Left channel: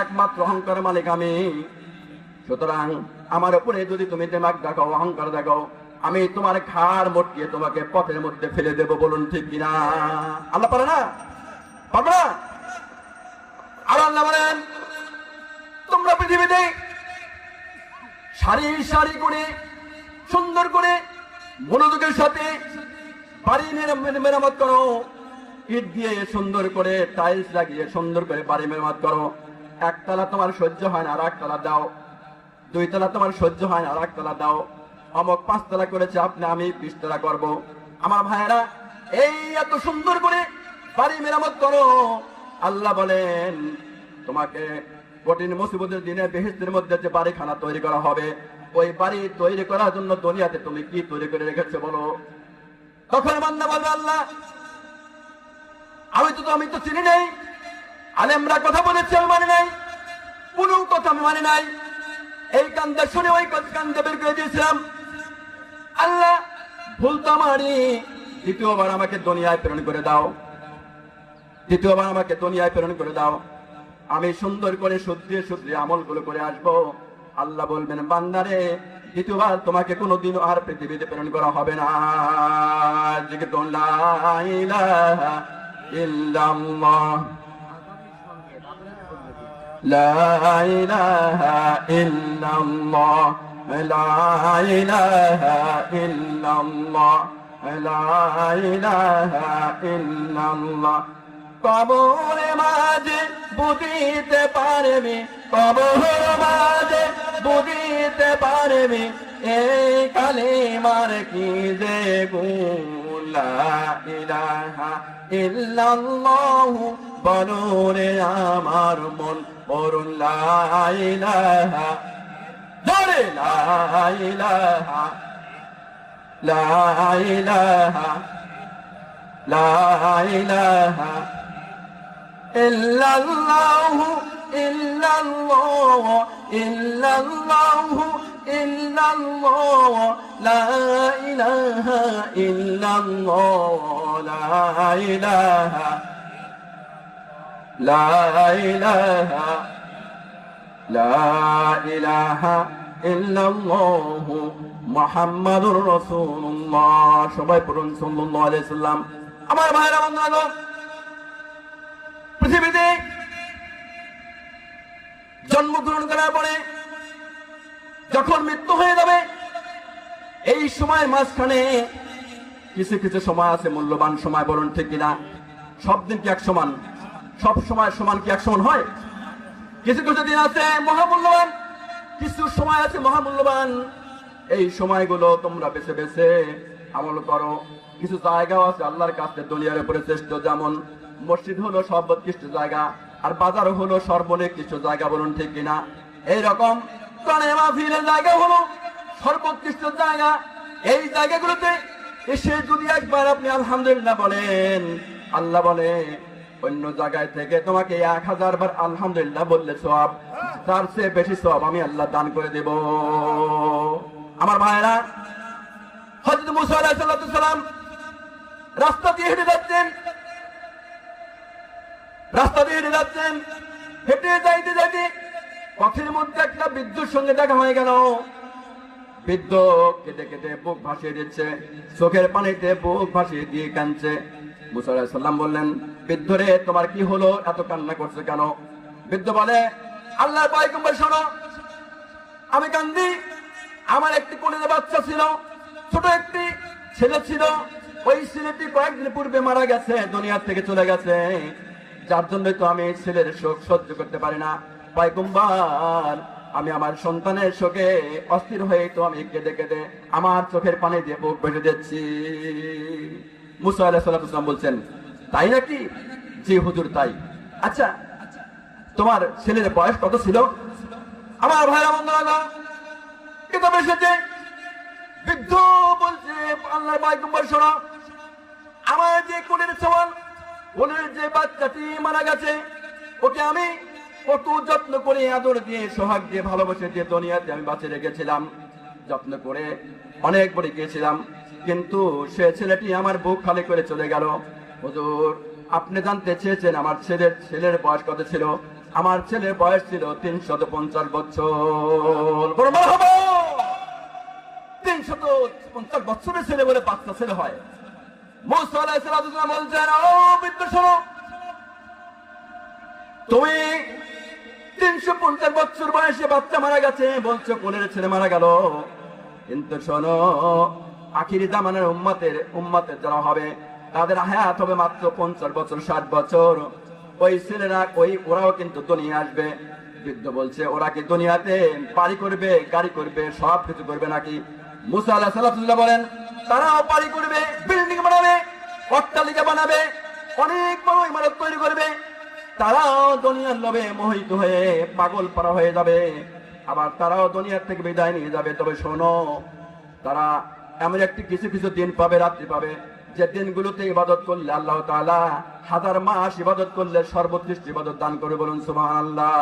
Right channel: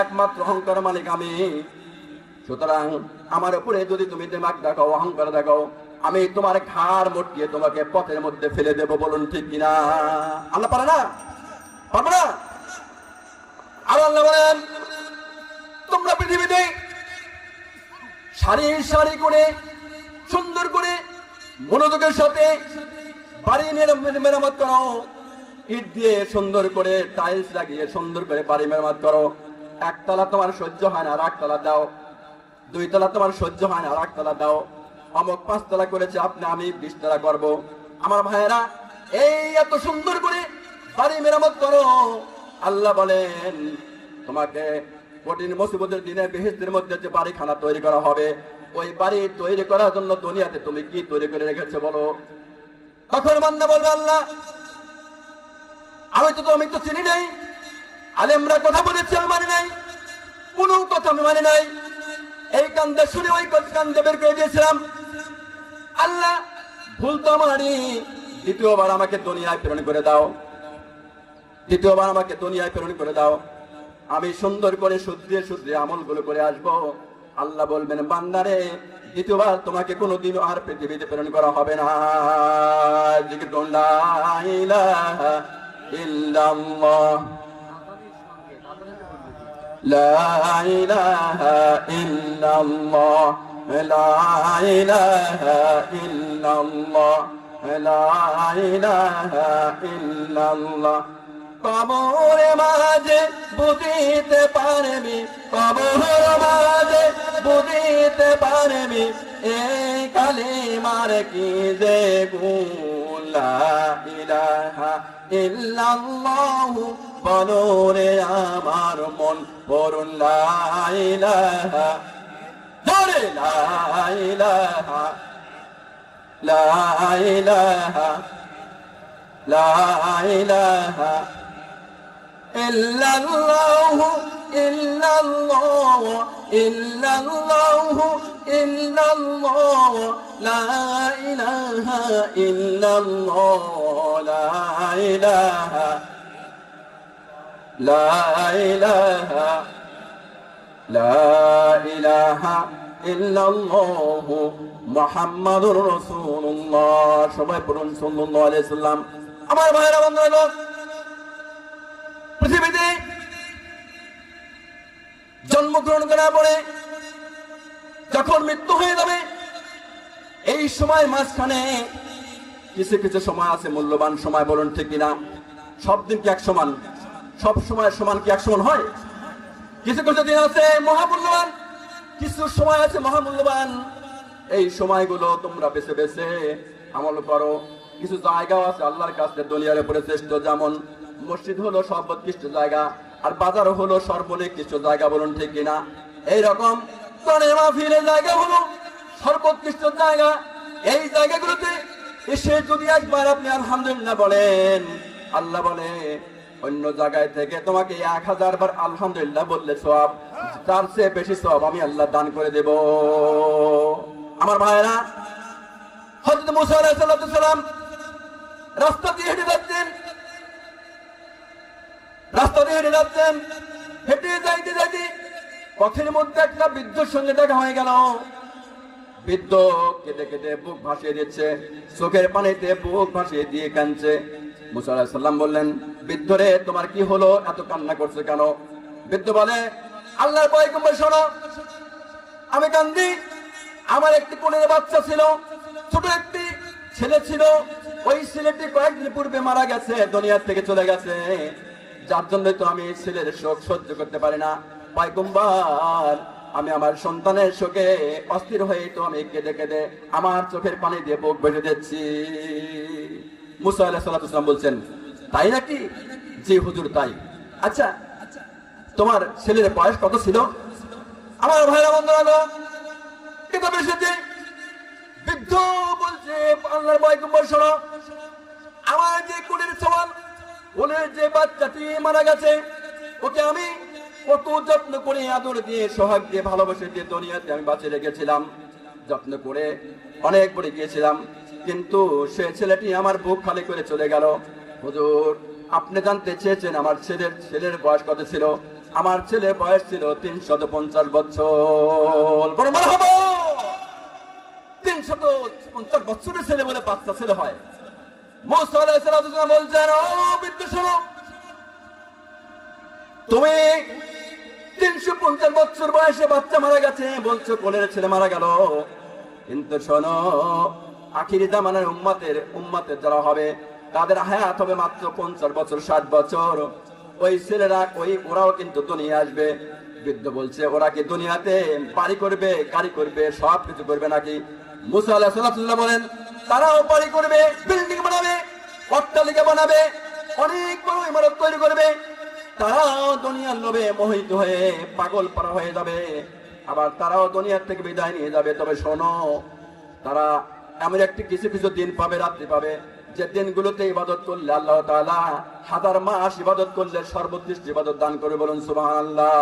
একমাত্র অহংকার মালিক আমি। সুতরাং আমার উপরে যদি তুমি দিমাগ দেখাও, অহংকার দেখাও, আমি তোমার ঘাড় মটকিয়ে তোমাকে পথের মধ্যে ফেলে দেব। বলুন ঠিক কিনা? আল্লাহ পারে না? পারবে না? আর আল্লাহ বলেন, তোমরা পৃথিবীতে সারি সারি করে সুন্দর করে মনোযোগের সাথে বাড়ি মেরামত করো, ইট দিয়ে সুন্দর করে টাইলস লাগিয়ে সুন্দর করে বাড়ি মেরামত করো। একতলা তোমার সহ্য হয় না, আর একতলা দাও। দুইতলা তোমার সহ্য হয় না, আর একতলা দাও। অমক 5 তলা করেছে, আমি 20 তলা করবো। আমার ভাইয়েরা, এই এত সুন্দর করে বাড়ি মেরামত করো। আল্লাহ বলেন, তোমাকে কঠিন মুসিবতের দিনে বেহেশতের মধ্যে যে বাড়িখানা তৈরি করা হবে, ওই বাড়ি তৈরি করার জন্য দুনিয়াতে তুমি কি তৈরি করে রেখেছে বলো? তখন বান্দা বলবে, আল্লাহ আমি তো চিনি নাই, আলেমরা কথা বলেছে আমি মানি নাই, কোনো কথা আমি মানি নাই, এই কান্দে শুনে ওই কান্দে বের করে দিয়েছিলাম। আল্লাহ ভুল তো আমারই, দ্বিতীয়বার আমাকে দুনিয়ায় প্রেরণ করে দাও, দ্বিতীয়বার আমাকে দুনিয়ায় প্রেরণ করে দাও। আমি সুন্দর করে শুদ্ধে শুদ্ধে আমলগুলো করে আসবো। আল্লাহ বলবেন, বান্দারে দ্বিতীয়বার তোমাকে কোনোদিনও আর পৃথিবীতে প্রেরণ করা হবে না। জিকির করুন, লা ইলাহা ইল্লাল্লাহ, লা ইলাহা ইল্লাল্লাহ, লা ইলাহা ইল্লাল্লাহ, লা ইলাহা ইল্লাল্লাহ। কবরে মাঝে বুঝিতে পারবি, কবরে মাঝে বুঝিতে পারবি, এই কালিমার কি যে গুণ। লা ইলাহা ইল্লাল্লাহু বলো রে আমার মন, বলুন লা ইলাহা, বলে লা ইলাহা, লা ইলাহা, লা ইলাহা ইল্লাল্লাহু, ইল্লাল্লাহু, ইল্লাল্লাহু, ইল্লাল্লাহু, লা ইলাহা ইল্লাল্লাহ, লা ইলাহা, লা ইলাহা, লা ইলাহা ইল্লাল্লাহু মুহাম্মাদুর রাসূলুল্লাহ। সবাই পড়ুন সাল্লাল্লাহু আলাইহি সাল্লাম। আমার ভাইরা বন্ধুরা, পৃথিবীতে জন্মগ্রহণ করার পরে যখন মৃত্যু হয়ে যাবে, এই সময়ের মাঝখানে কিছু কিছু সময় আছে মূল্যবান সময়। বলুন ঠিক কিনা? সব দিন কি এক সমান? সব সময় সমান কি এক সমান হয়? কিছু কিছু দিন আছে মহামূল্যবান, কিছু সময় আছে মহামূল্যবান। এই সময়গুলো তোমরা বেছে বেছে আমল করো। কিছু জায়গাও আছে আল্লাহর কাছে দুনিয়ার উপরে শ্রেষ্ঠ, যেমন মসজিদ হলো সর্বোৎকৃষ্ট জায়গা, আর বাজার হলো সর্বনিকৃষ্ট জায়গা। বলুন ঠিক কিনা? এইরকম মাহফিলের জায়গা হলো সর্বোৎকৃষ্ট জায়গা। এই জায়গাগুলোতে এসে যদি একবার আপনি আলহামদুলিল্লাহ বলেন, আল্লাহ বলে অন্য জায়গায় থেকে তোমাকে 1000 বার আলহামদুলিল্লাহ বললে সওয়াব, তার চেয়ে বেশি সওয়াব আমি আল্লাহ দান করে দেব। আমার ভাইয়েরা, হযরত মুসা আলাইহিস সালাম রাস্তা দিয়ে হেঁটে যাচ্ছেন, রাস্তা দিয়ে হেঁটে যাচ্ছেন, হেঁটে যাইতে যাইতে পথের মধ্যে একটা বৃদ্ধর সঙ্গে দেখা হয়ে গেল। বৃদ্ধ কেটে কেটে বুক ভাসিয়ে দিচ্ছে, চোখের পানিতে বুক ভাসিয়ে দিয়ে কাঁদছে। মুসা আলাইহিস সালাম বললেন, বৃদ্ধ রে, তোমার কি হলো, এত কান্না করছে কেন? বৃদ্ধ বলে, আল্লাহর পয়গম্বর শোনো, আমি কান্দি, আমার একটি কোলের বাচ্চা ছিল, ছোট একটি ছেলে ছিল, ওই ছেলেটি কয়েকদিন পূর্বে মারা গেছে, দুনিয়া থেকে চলে গেছে, যার জন্যই তো আমি ছেলের শোক সহ্য করতে পারি না। পয়গম্বর, আমি আমার সন্তানের শোকে অস্থির হয়ে তো আমি কেঁদে কেঁদে আমার চোখের পানি দিয়ে বুক ভেসে যাচ্ছি। মুসা আলাইহিস সালাম বলছেন, তাই নাকি? জি হুজুর, তাই। আচ্ছা, তোমার ছেলের বয়স কত ছিল? আমার ভাইরা বন্ধুরা, কিতাবে এসেছে, বৃদ্ধ বলছে, আল্লাহর পয়গম্বর শোনো, আমার যে কোলের সমান, কোলের যে বাচ্চাটি মারা গেছে, ওকে আমি কত যত্ন করে আদর দিয়ে সোহাগ দিয়ে ভালোবাসে দিয়ে দুনিয়াতে আমি বাঁচিয়ে রেখেছিলাম, যত্ন করে অনেক বড় গিয়েছিলাম, কিন্তু সে ছেলেটি আমার বুক খালি করে চলে গেল। হুজুর, আপনি জানতে চেয়েছেন আমার ছেলের বয়স কত ছিল? আমার ছেলে বয়স ছিল 350 বছর। বড় মারহাবা। 350 বছরের ছেলে বলে 5টা ছেলে হয়। মুসা আলাইহিস সালাম বলছেন, ও বৃদ্ধ শোনো, তুমি 350 বছর বয়সে বাচ্চা মারা গেছে বলছো, কোলের ছেলে মারা গেল, কিন্তু শোনো, আখিরি জামানার উম্মতের যারা হবে তাদের হায়াত হবে মাত্র 50 বছর 60 বছর। ওই ছেলেরা ওরাও কিন্তু দুনিয়া আসবে। বৃদ্ধ বলছে, ওরা কি দুনিয়াতে বাড়ি করবে, গাড়ি করবে, সব কিছু করবে নাকি? মুসা আলাইহিস সালাম বলেন, তারাও বাড়ি করবে, বিল্ডিং বানাবে, অট্টালিকা বানাবে, অনেক বড় ইমারত তৈরি করবে। তারাও দুনিয়ার লোভে মোহিত হয়ে পাগল পারা হয়ে যাবে, আবার তারাও দুনিয়ার থেকে বিদায় নিয়ে যাবে। তবে শোনো, তারা এমন একটি কিছু কিছু দিন পাবে, রাত্রি পাবে, যে দিনগুলোতে ইবাদত করলে আল্লাহ তাআলা 1000 মাস ইবাদত করলে সর্বোৎকৃষ্ট ইবাদত দান করে। বলুন সুবহানাল্লাহ।